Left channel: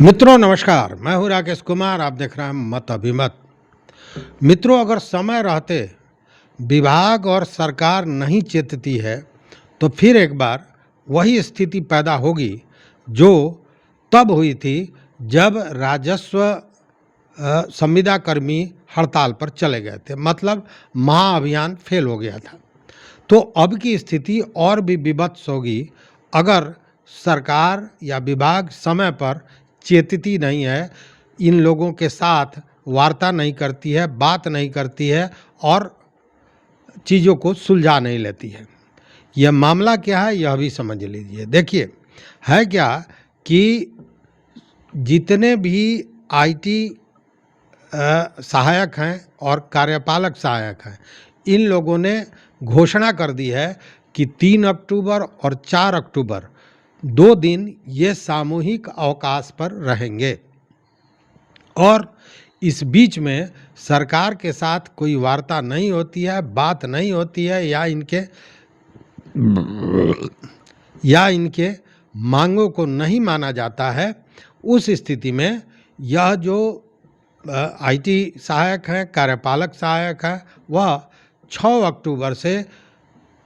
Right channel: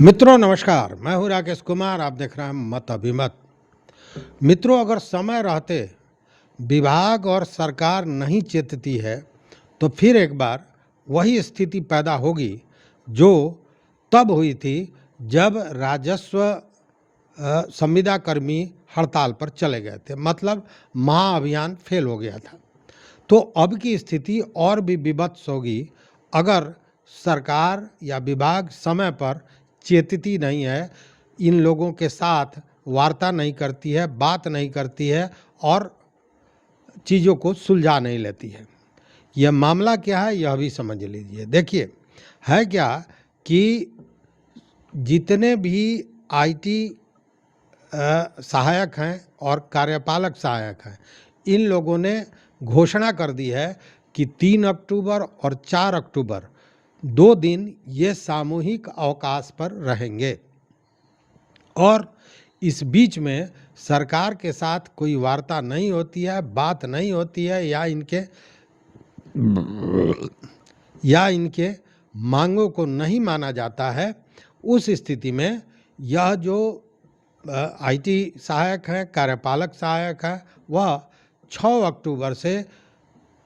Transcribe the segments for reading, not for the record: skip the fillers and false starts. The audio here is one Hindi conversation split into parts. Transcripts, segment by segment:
मित्रों नमस्कार, मैं हूं राकेश कुमार। आप देख रहे हैं मत अभिमत। मित्रों, अगर समय रहते विभाग और सरकार नहीं चेतती है तो फिर एक बार वही स्थिति पैदा होगी जो तब हुई थी जब राजस्व संविदा कर्मी हड़ताल पर चले गए थे, मतलब महाअभियान फेल हो गया था। तो अब की स्थिति और भी विभत्स होगी अगर सरकार या विभाग समय पर चेतती नहीं है, इन लोगों के साथ वार्ता नहीं करती है, बात नहीं करती है और चीज़ों को सुलझा नहीं लेती है। यह मामला क्या है यह भी समझ लीजिए। देखिए, है क्या कि जितने भी आईटी सहायक हैं और कार्यपालक सहायक हैं, इन लोगों ने घोषणा कर दी है कि 3 अक्टूबर और 4 अक्टूबर 2 दिन ये सामूहिक अवकाश पर रहेंगे और इस बीच में सरकार के साथ कोई वार्ता नहीं होती है, बात नहीं होती है या इनके मांगों को नहीं माना जाता है। उस स्थिति में यह जो आईटी सहायक हैं, कार्यपालक सहायक हैं, वह 6 अक्टूबर से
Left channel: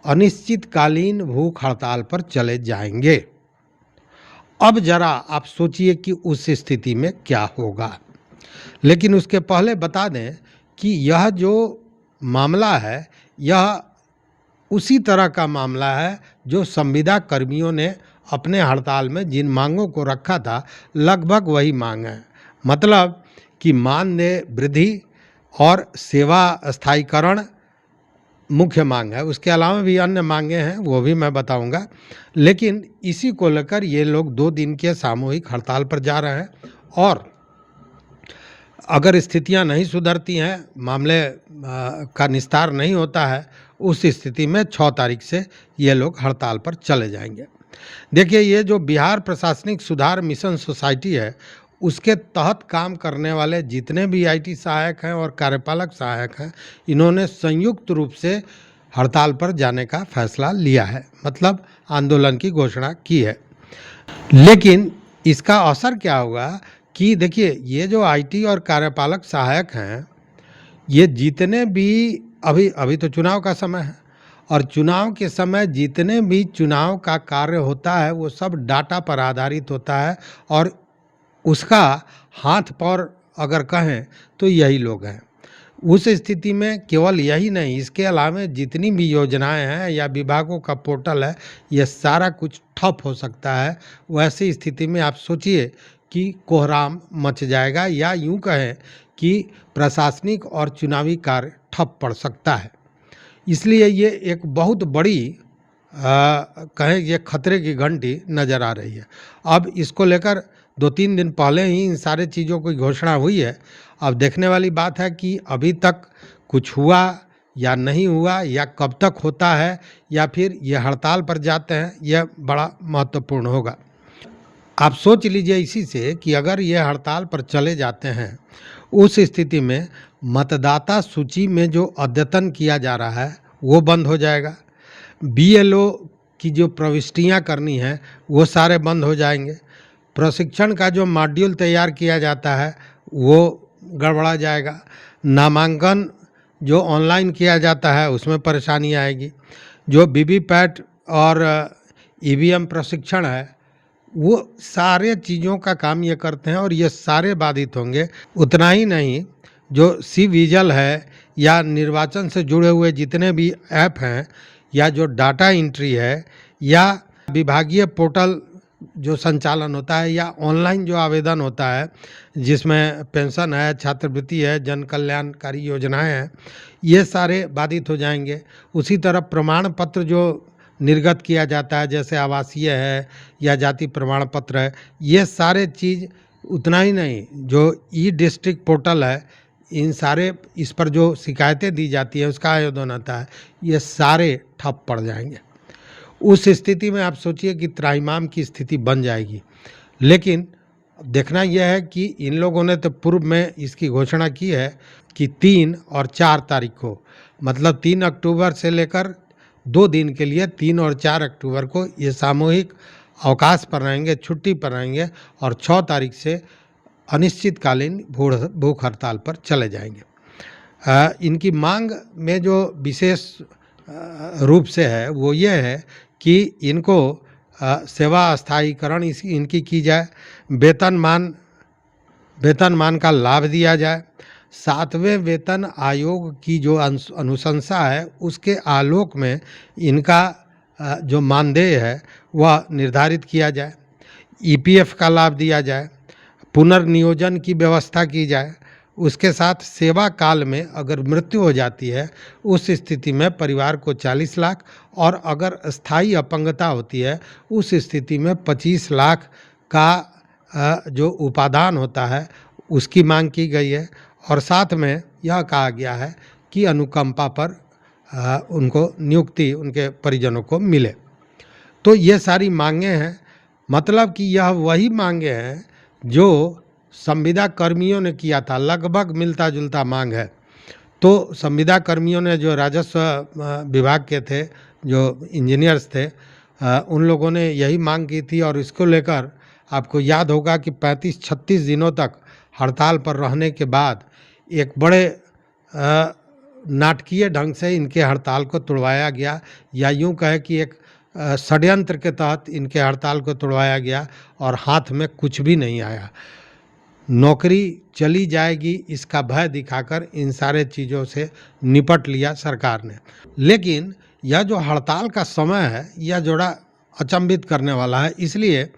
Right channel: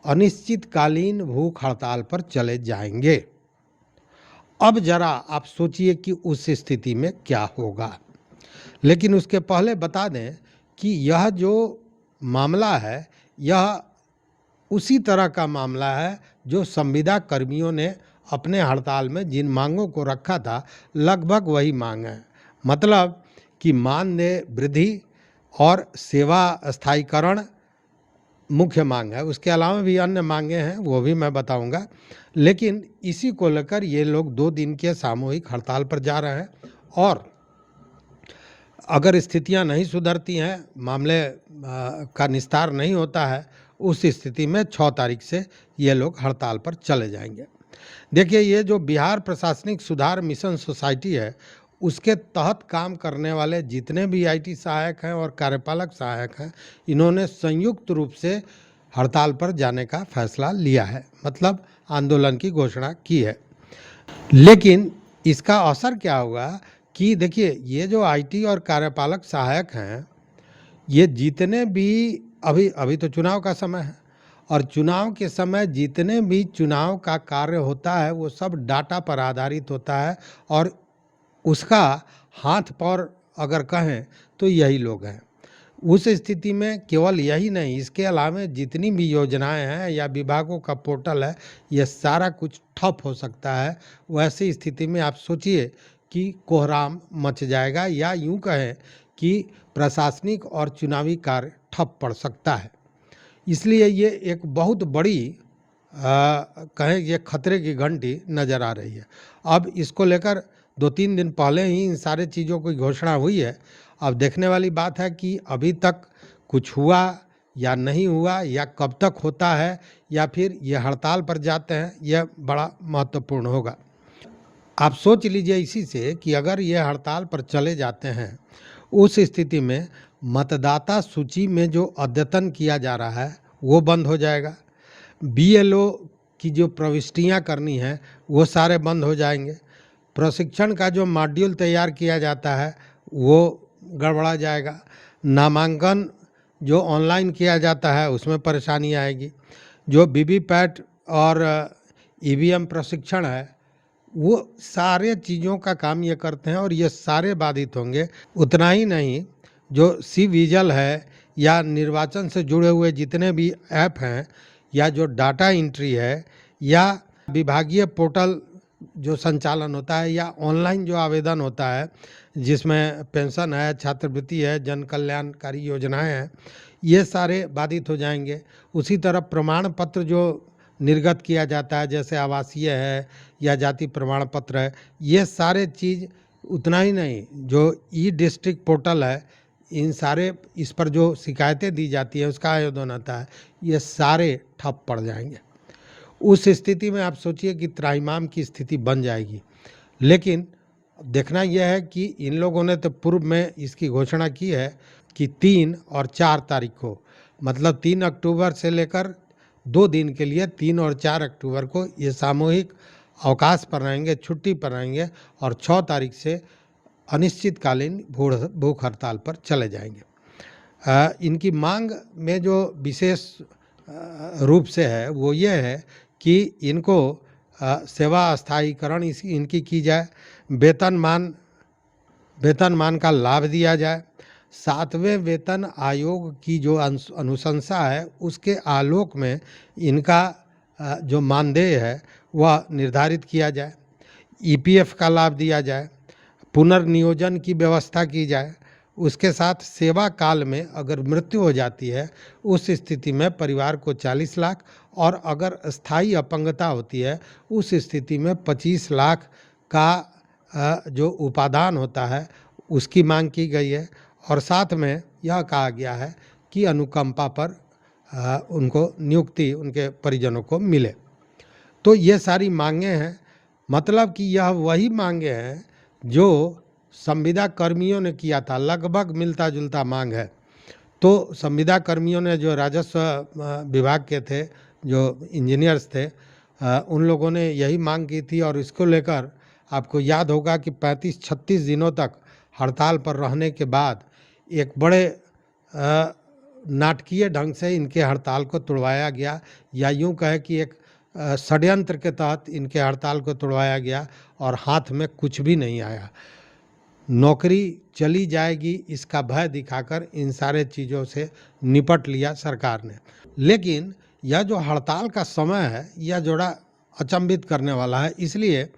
अनिश्चितकालीन भूख हड़ताल पर चले जाएंगे। अब जरा आप सोचिए कि उस स्थिति में क्या होगा। लेकिन उसके पहले बता दें कि यह जो मामला है यह उसी तरह का मामला है जो संविदा कर्मियों ने अपने हड़ताल में जिन मांगों को रखा था, लगभग वही मांग है। मतलब कि मानदेय वृद्धि और सेवा स्थायीकरण मुख्य मांग है। उसके अलावा भी अन्य मांगे हैं, वो भी मैं बताऊंगा। लेकिन इसी को लेकर ये लोग 2 दिन के सामूहिक हड़ताल पर जा रहे हैं और अगर स्थितियां नहीं सुधरती हैं, मामले का निस्तार नहीं होता है, उस स्थिति में 6 तारीख से ये लोग हड़ताल पर चले जाएंगे। देखिए, ये जो बिहार प्रशासनिक सुधार मिशन सोसाइटी है, उसके तहत काम करने वाले जितने भी आईटी सहायक हैं और कार्यपालक सहायक हैं, इन्होंने संयुक्त रूप से हड़ताल पर जाने का फैसला लिया है, मतलब आंदोलन की घोषणा की है। लेकिन इसका असर क्या होगा कि देखिए, ये जो आईटी और कार्यपालक सहायक हैं, ये जितने भी अभी तो चुनाव का समय है और चुनाव के समय जितने भी चुनाव का कार्य होता है वो सब डाटा पर आधारित होता है और उसका हाथ पर अगर कहें तो यही लोग हैं। उस स्थिति में केवल यही नहीं, इसके अलावा जितनी भी योजनाएं हैं या विभागों का पोर्टल है, ये सारा कुछ ठप हो सकता है। वैसी स्थिति में आप सोचिए कि कोहराम मच जाएगा या यूं कहें कि प्रशासनिक और चुनावी कार्य ठप पड़ सकता है। इसलिए ये एक बहुत बड़ी कहें ये खतरे की घंटी नज़र आ रही है। अब इसको लेकर 2-3 दिन पहले ही इन सारे चीज़ों की घोषणा हुई है। अब देखने वाली बात है कि अभी तक कुछ हुआ या नहीं हुआ या कब तक होता है या फिर ये हड़ताल पर जाते हैं, यह बड़ा महत्वपूर्ण होगा। आप सोच लीजिए इसी से कि अगर ये हड़ताल पर चले जाते हैं, उस स्थिति में मतदाता सूची में जो अद्यतन किया जा रहा है वो बंद हो जाएगा। बीएलओ की जो प्रविष्टियां करनी है वो सारे बंद हो जाएंगे। प्रशिक्षण का जो मॉड्यूल तैयार किया जाता है वो गड़बड़ा जाएगा। नामांकन जो ऑनलाइन किया जाता है उसमें परेशानी आएगी। जो वीवीपैट और ईवीएम प्रशिक्षण है वो सारे चीज़ों का काम ये करते हैं और ये सारे बाधित होंगे। उतना ही नहीं, जो सी विजिल है या निर्वाचन से जुड़े हुए जितने भी ऐप हैं या जो डाटा एंट्री है या विभागीय पोर्टल जो संचालन होता है या ऑनलाइन जो आवेदन होता है जिसमें पेंशन है, छात्रवृत्ति है, जन कल्याणकारी योजनाएं हैं, ये सारे बाधित हो जाएंगे। उसी तरह प्रमाण पत्र जो निर्गत किया जाता है, जैसे आवासीय है या जाति प्रमाण पत्र है, ये सारे चीज़। उतना ही नहीं, जो ई डिस्ट्रिक्ट पोर्टल है, इन सारे इस पर जो शिकायतें दी जाती है उसका आयोजन होता है, ये सारे ठप पड़ जाएंगे। उस स्थिति में आप सोचिए कि त्राहिमाम की स्थिति बन जाएगी। लेकिन देखना यह है कि इन लोगों ने तो पूर्व में इसकी घोषणा की है कि 3 और 4 तारीख को, मतलब 3 अक्टूबर से लेकर 2 दिन के लिए 3 और 4 अक्टूबर को ये सामूहिक अवकाश पर रहेंगे, छुट्टी पर रहेंगे और 6 तारीख से अनिश्चितकालीन भूख हड़ताल पर चले जाएंगे। इनकी मांग में जो विशेष रूप से है वो ये है कि इनको सेवा स्थायीकरण इनकी की जाए, वेतनमान का लाभ दिया जाए, 7वें वेतन आयोग की जो अनुशंसा है उसके आलोक में इनका जो मानदेय है वह निर्धारित किया जाए, ईपीएफ का लाभ दिया जाए, पुनर्नियोजन की व्यवस्था की जाए। उसके साथ सेवा काल में अगर मृत्यु हो जाती है उस स्थिति में परिवार को 40 लाख और अगर स्थायी अपंगता होती है उस स्थिति में 25 लाख का जो उपादान होता है उसकी मांग की गई है। और साथ में यह कहा गया है कि अनुकंपा पर उनको नियुक्ति उनके परिजनों को मिले। तो ये सारी मांगे हैं, मतलब कि यह वही मांगे हैं जो संविदा कर्मियों ने किया था, लगभग मिलता जुलता मांग है। तो संविदा कर्मियों ने जो राजस्व विभाग के थे, जो इंजीनियर्स थे, उन लोगों ने यही मांग की थी और इसको लेकर आपको याद होगा कि 35-36 दिनों तक हड़ताल पर रहने के बाद एक बड़े नाटकीय ढंग से इनके हड़ताल को तोड़वाया गया, या यूं कहे कि एक षड्यंत्र के तहत इनके हड़ताल को तोड़वाया गया और हाथ में कुछ भी नहीं आया। नौकरी चली जाएगी इसका भय दिखाकर इन सारे चीज़ों से निपट लिया सरकार ने। लेकिन यह जो हड़ताल का समय है यह जोड़ा अचंभित करने वाला है, इसलिए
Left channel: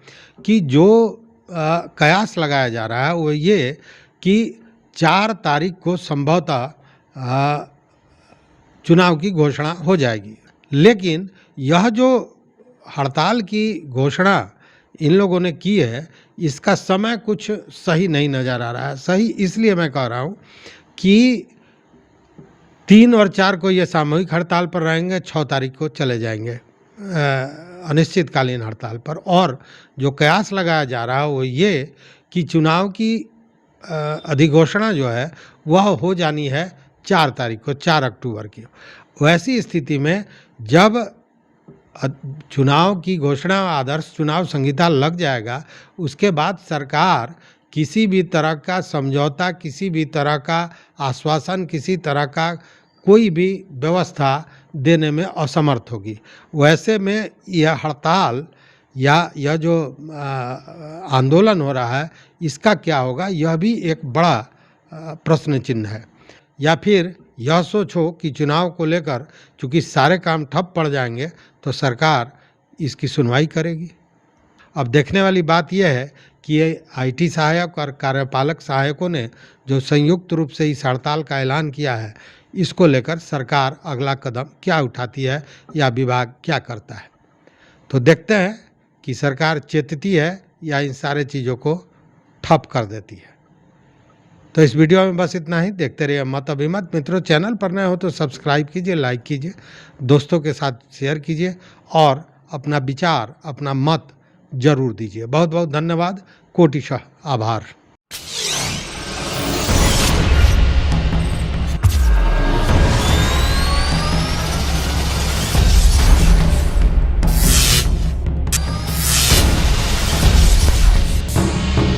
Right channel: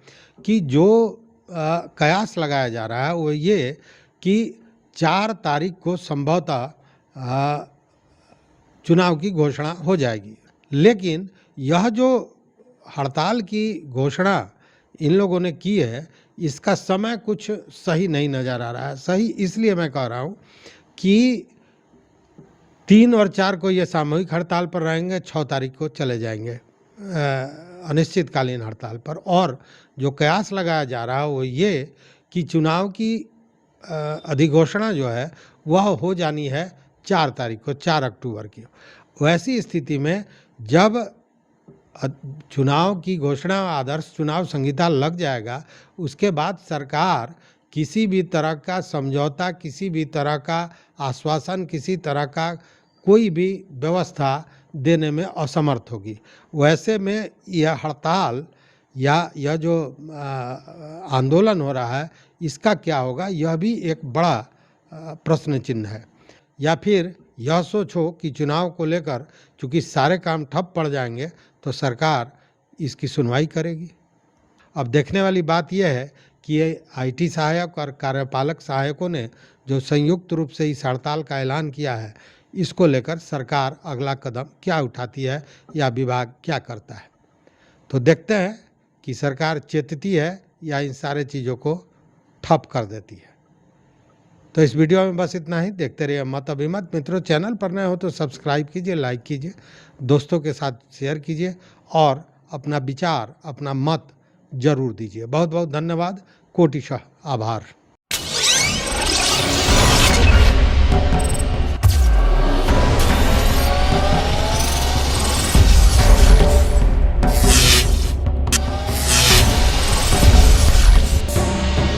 कि जो कयास लगाया जा रहा है वो ये कि 4 तारीख को संभवतः चुनाव की घोषणा हो जाएगी। लेकिन यह जो हड़ताल की घोषणा इन लोगों ने की है इसका समय कुछ सही नहीं नज़र आ रहा है। सही इसलिए मैं कह रहा हूँ कि 3 और 4 को ये सामूहिक हड़ताल पर रहेंगे, 6 तारीख को चले जाएंगे अनिश्चितकालीन हड़ताल पर। और जो कयास लगाया जा रहा है वो ये कि चुनाव की अधिघोषणा जो है वह हो जानी है 4 तारीख को, 4 अक्टूबर की। वैसी स्थिति में जब चुनाव की घोषणा, आदर्श चुनाव संहिता लग जाएगा, उसके बाद सरकार किसी भी तरह का समझौता, किसी भी तरह का आश्वासन, किसी तरह का कोई भी व्यवस्था देने में असमर्थ होगी। वैसे में यह हड़ताल या यह जो आंदोलन हो रहा है इसका क्या होगा, यह भी एक बड़ा प्रश्न चिन्ह है। या फिर यह सोचो कि चुनाव को लेकर चूँकि सारे काम ठप पड़ जाएंगे तो सरकार इसकी सुनवाई करेगी। अब देखने वाली बात यह है कि ये आईटी सहायक और कार्यपालक सहायकों ने जो संयुक्त रूप से इस हड़ताल का ऐलान किया है, इसको लेकर सरकार अगला कदम क्या उठाती है या विभाग क्या करता है। तो देखते हैं कि सरकार चेतती है या इन सारे चीज़ों को ठप कर देती है। तो इस वीडियो में बस इतना ही। देखते रहिए मत अभिमत। मित्रों, चैनल पर नए हो तो सब्सक्राइब कीजिए, लाइक कीजिए, दोस्तों के साथ शेयर कीजिए और अपना विचार, अपना मत जरूर दीजिए। बहुत बहुत धन्यवाद, कोटिशः आभार।